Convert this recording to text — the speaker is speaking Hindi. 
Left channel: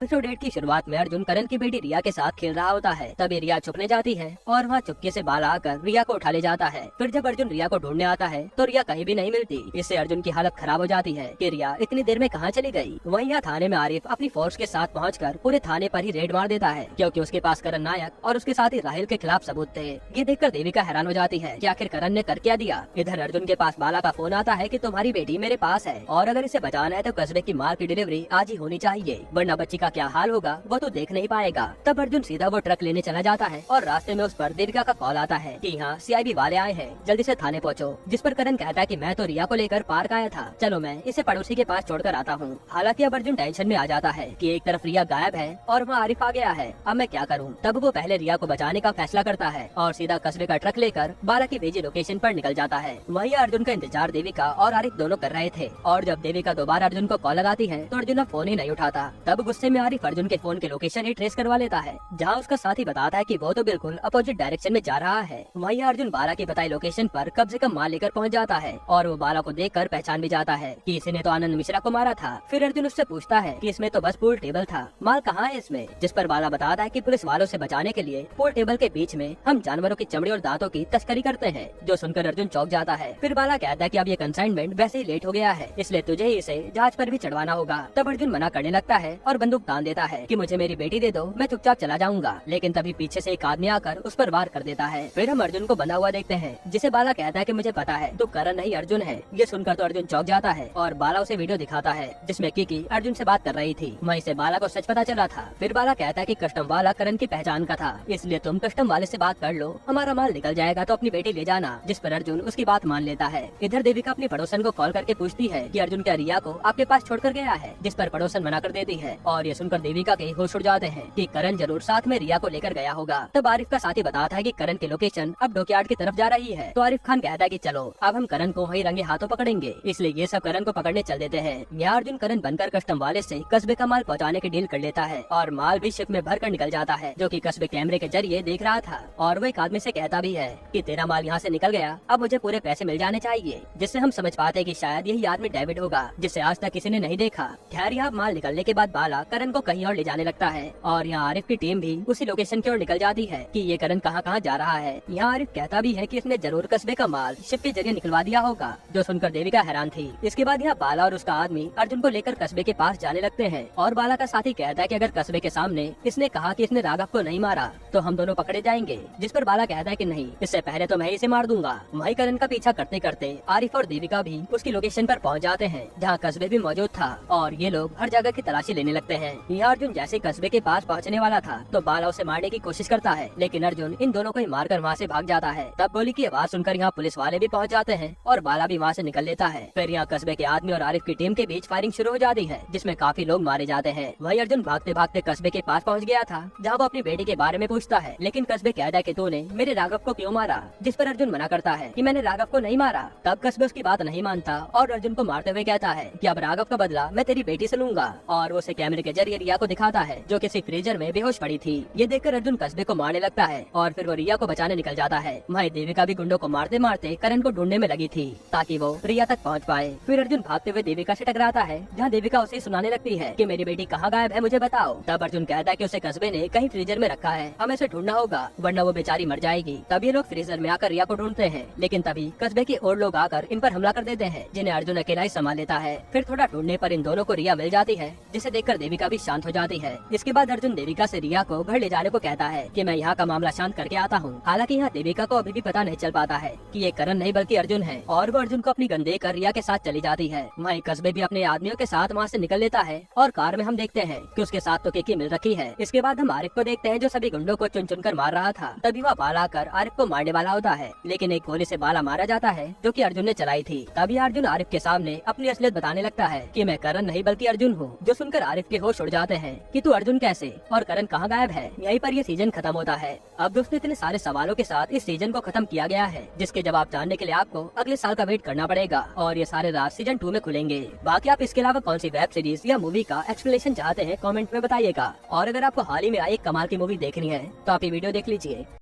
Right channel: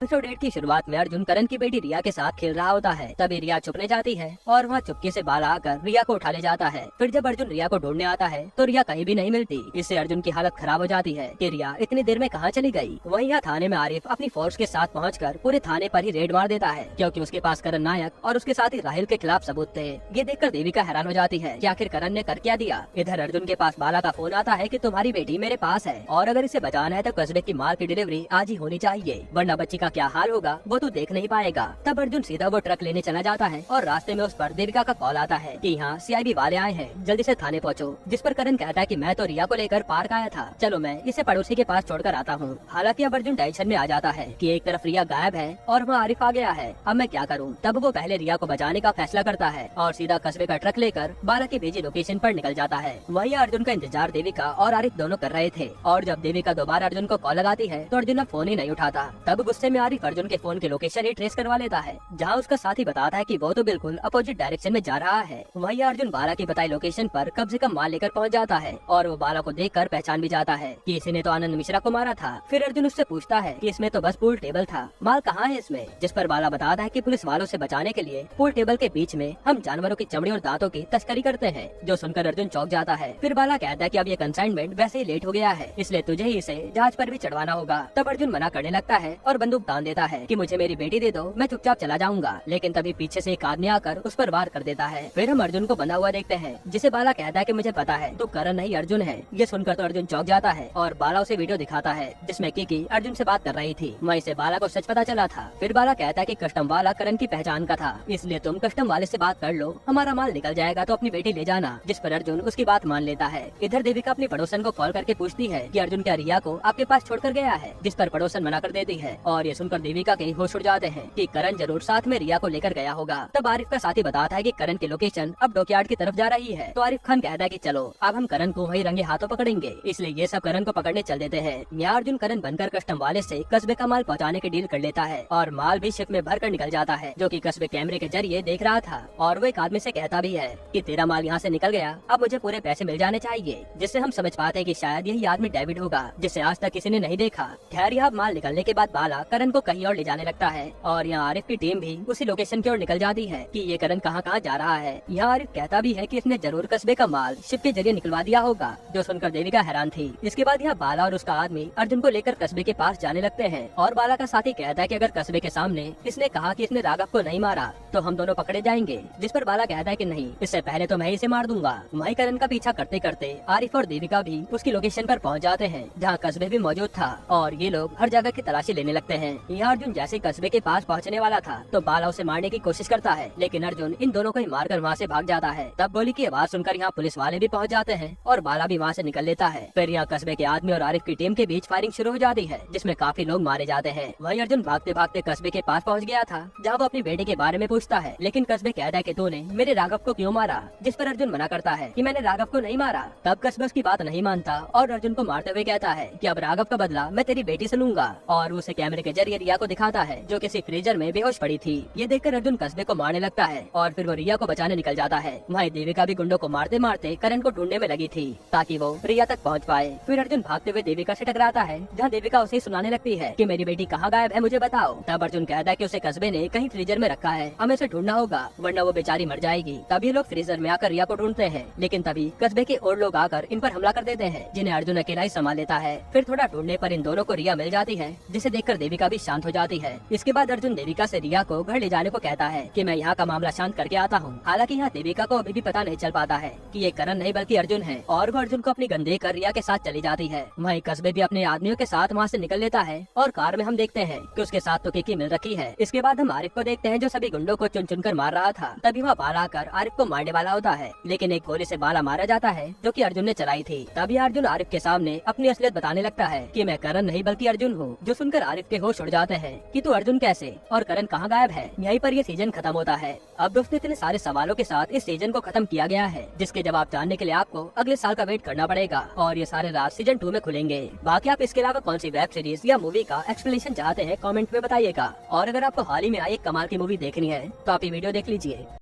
एपिसोड 8 की शुरुआत में अर्जुन करण की बेटी रिया के साथ खेल रहा होता है। तभी रिया चुपने जाती है और वहाँ चुपके से बाला आकर रिया को उठा ले जाता है। फिर जब अर्जुन रिया को ढूंढने आता है तो रिया कहीं भी नहीं मिलती। इससे अर्जुन की हालत खराब हो जाती है कि रिया इतनी देर में कहाँ चली गई। वहीं यहाँ थाने में आरिफ अपनी फोर्स के साथ पहुँचकर पूरे थाने पर ही रेड मार देता है, क्योंकि उसके पास करण नायक और उसके साथ ही राहिल के खिलाफ सबूत थे। ये देखकर देविका हैरान हो जाती है कि आखिर करण ने कर क्या दिया। इधर अर्जुन के पास बाला का फोन आता है कि तुम्हारी बेटी मेरे पास है और अगर इसे बचाना है तो कस्बे की माल की डिलीवरी आज ही होनी चाहिए, वरना बच्ची का क्या हाल होगा वो तो देख नहीं पाएगा। तब अर्जुन सीधा वो ट्रक लेने चला जाता है और रास्ते में उस पर देविका का कॉल आता है कि यहाँ सीआईबी वाले आए हैं, जल्दी से थाने पहुँचो। जिस पर करण कहता है कि मैं तो रिया को लेकर पार्क आया था, चलो मैं इसे पड़ोसी के पास छोड़कर आता हूँ। हालांकि अब अर्जुन टेंशन में आ जाता है कि एक तरफ रिया गायब है और वहाँ आरिफ आ गया है, अब मैं क्या करूँ। तब वो पहले रिया को बचाने का फैसला करता है और सीधा कस्बे का ट्रक लेकर बाला की भेजी लोकेशन पर निकल जाता है। वहीं अर्जुन का इंतजार देविका और आरिफ दोनों कर रहे थे और जब देविका दोबारा अर्जुन को कॉल लगाती है तो अर्जुन अब फोन ही नहीं उठाता। तब गुस्से में आरिफ अर्जुन के फोन के लोकेशन ही ट्रेस करवा लेता है, जहाँ उसका साथी बताता है कि वो तो बिल्कुल अपोजिट डायरेक्शन में जा रहा है। वहीं अर्जुन बाला की बताई लोकेशन पर कम से कम माल लेकर पहुँच जाता है और वो बाला को देखकर पहचान भी जाता है कि इसने तो आनंद मिश्रा को मारा था। फिर अर्जुन उससे पूछता है कि इसमें तो बस पूल टेबल था, माल कहाँ है इसमें। जिस पर बाला बताता है कि पुलिस वालों से बचाने के लिए पूल टेबल के बीच में हम जानवरों की चमड़ी और दांतों की तस्करी करते हैं। जो सुनकर अर्जुन चौंक जाता है। फिर बाला कहता है कि अब ये कंसाइनमेंट वैसे ही लेट हो गया है, इसलिए तुझे ही इसे जहाज पर भी चढ़वाना होगा। तब अर्जुन मना करने लगता है और बंदूक तान देता है कि मुझे मेरी बेटी दे दो, मैं चुपचाप चला जाऊंगा। लेकिन तभी पीछे से एक आदमी आकर उस पर वार कर देता है। फिर हम अर्जुन को बंधा हुआ देखते हैं, जिसे बाला कहता है कि मुझे पता है तो करण नहीं अर्जुन है। ये सुनकर तो अर्जुन चौंक जाता है और बाला उसे वीडियो दिखाता है जिसमें किकी अर्जुन से बात कर रही थी। वहीं से बाला को सच पता चला था। फिर बाला कहता है कि कस्टम वाला करण की पहचान का था, इसलिए तुम कस्टम वाले से बात कर लो, हमारा माल निकल जाएगा तो अपनी बेटी ले जाना। जिस पर अर्जुन उसकी बात मान लेता है। इधर देविका अपनी पड़ोसन को कॉल करके पूछती है कि अर्जुन क्या रिया को आपके पास छोड़कर गया है, जिस पर पड़ोसन मना कर देती है और ये सुनकर देविका के होश उड़ जाते हैं कि करण जरूर साथ में रिया को लेकर गया होगा। तब आरिफ का साथी बताता है कि करण की लोकेशन अब डॉकयार्ड की तरफ जा रही है। तो आरिफ खान कहता है कि चलो अब हम करण को वही रंगे हाथों पकड़ेंगे, इसलिए ये सब करण को पकड़ने चल देते हैं। यहाँ अर्जुन करण बनकर कस्टम वाले से कस्बे का माल पहुँचाने की डील कर लेता है और माल भी शिप में भर कर निकल जाता है, जो कि कस्बे कैमरे के जरिए देख रहा था। और वो एक आदमी से कहता भी है कि तेरा माल यहाँ से निकल गया, अब मुझे पूरे पैसे मिल जाने चाहिए। जिससे हम समझ पाते हैं कि शायद यही आदमी डेविड होगा, जिसे आज तक किसी ने नहीं देखा। खैर यहाँ माल निकलने के बाद बाला करण को कहीं और ले जाने लगता है और यहाँ आरिफ की टीम भी उसी लोकेशन की ओर निकल जाती है कि ये करण कहाँ कहाँ जा रहा है। यहाँ आरिफ कहता भी है कि इसने जरूर कस्बे का माल शिप के जरिए निकलवा दिया होगा, जो सुनकर देविका हैरान थी। इसके बाद यहाँ बाला और उसका आदमी अर्जुन को लेकर कस्बे के पास जाने लगते हैं और बाला का साथी कहता है कि अगर कस्बे के सामने इसने कहा कि इसने राघव को नहीं मारा तो हम दोनों पकड़े जाएंगे। जिस पर बाला कहता है कि नहीं, इससे पहले तो मैं इसे मार दूंगा। वही करण का पीछा करते करते आरिफ और देविका भी उसकी लोकेशन पर पहुँच जाते हैं, जहाँ कस्बे भी मौजूद था और ये लोग हर जगह की तलाशी लेने लगते हैं। यहाँ अर्जुन जैसे कस्बे के पास पहुँचने वाला था तो बाला उसे मारने की कोशिश करता है, लेकिन अर्जुन इन दोनों को ही मारकर वहाँ से भाग जाता है। तब गोली की आवाज सुनकर यहाँ पुलिस वाले भी पहुँच जाते हैं और बाला भी वहाँ से निकल लेता है। फिर यहाँ कस्बे के आदमी और आरिफ की टीम के बीच फायरिंग शुरू हो जाती है, जिसमें काफी लोग मारे जाते हैं। वही अर्जुन भागते भागते कस्बे के पास पहुँच गया था, जहाँ वो अपनी बेटे के बारे में पूछता है, लेकिन कस्बे कहता है कि तूने मेरे राघव को क्यों मारा। जिस पर अर्जुन मना करता है कि मैंने राघव को नहीं मारा। तब कस्बे उसकी बात नहीं मानता और अर्जुन को मारते हुए कहता है कि अब राघव का बदला मैं तेरी बेटी से लूंगा और वो उसे कैमरे के जरिए रिया को दिखाता है, जो किसी फ्रीजर में बेहोश पड़ी थी। ये देखकर अर्जुन कस्बे को मारने लगता है और फिर वो रिया को बचाने निकल जाता है। वहीं देविका भी गुंडों को मारते मारते करण को ढूंढने में लगी थी ताकि वो रिया तक पहुंच पाए। फिर अर्जुन भागते हुए देविका से टकराता है, जहां देविका उसे सुनाने लगती है कि मेरी बेटी कहाँ गायब है, मुझे बताओ। तब अर्जुन कहता है कि उसे कस्बे ने कहीं फ्रीजर में रखा है, हमें उसे ढूंढना होगा वरना वो बेचारी मर जाएगी। तभी लोग फ्रीजर में आकर रिया को ढूंढते हैं, लेकिन तभी कस्बे के और लोग आकर इन पर हमला कर देते हैं, जिन्हें अर्जुन अकेला ही संभाल लेता है। फिर थोड़ा ढूंढने पर इन दोनों को रिया मिल जाती है, जिसे देखकर देविका भी शांत हो जाती है। इसके बाद अर्जुन देविका से रिया को घर ले जाने को कहता है कि मैं यहाँ का मामला शांत करके आता हूँ। हालांकि यहाँ देविका को अभी भी पता नहीं चल पाता है कि ये करण नहीं बल्कि अर्जुन है और वो अर्जुन को अपनी गन देकर रिया के साथ चली जाती है। वहीं कस्बे भी अपने आदमियों के साथ वहाँ से निकल लेता है और कार में हम देखते हैं कि उसके साथ तो किकी मिल रखी है। इसके बाद हम आरिफ को देखते हैं, जो सभी गुंडों को चुन चुन कर मार रहा था। तभी वह बाला आकर आरिफ को मारने वाला होता है, लेकिन एक गोली से बाला मारा जाता है, जो कि अर्जुन ने चलाई थी। तभी अर्जुन आरिफ के सामने अपनी असलियत बताने लगता है कि मैं करण नहीं बल्कि अर्जुन हूँ। जो सुनकर आरिफ के होश उड़ जाते हैं कि तू अर्जुन कैसे और करण कहाँ गायब है। यहीं पर यह सीजन खत्म होता है। अब दोस्तों इतने सारे सवालों के साथ इस सीजन को खत्म किया गया है, जिसके जवाब जानने के लिए आपको अगले साल का वेट करना पड़ेगा और ये सारे राज सीजन 2 में खुलेंगे। बाकी आप इसके अलावा कौन सी वेब सीरीज या मूवी का एक्सप्लेनेशन चाहते हैं कमेंट में बताइएगा। और अगर आपको हाल ही में आई एक कमाल की मूवी देखनी है तो आप ये वीडियो देख लीजिए।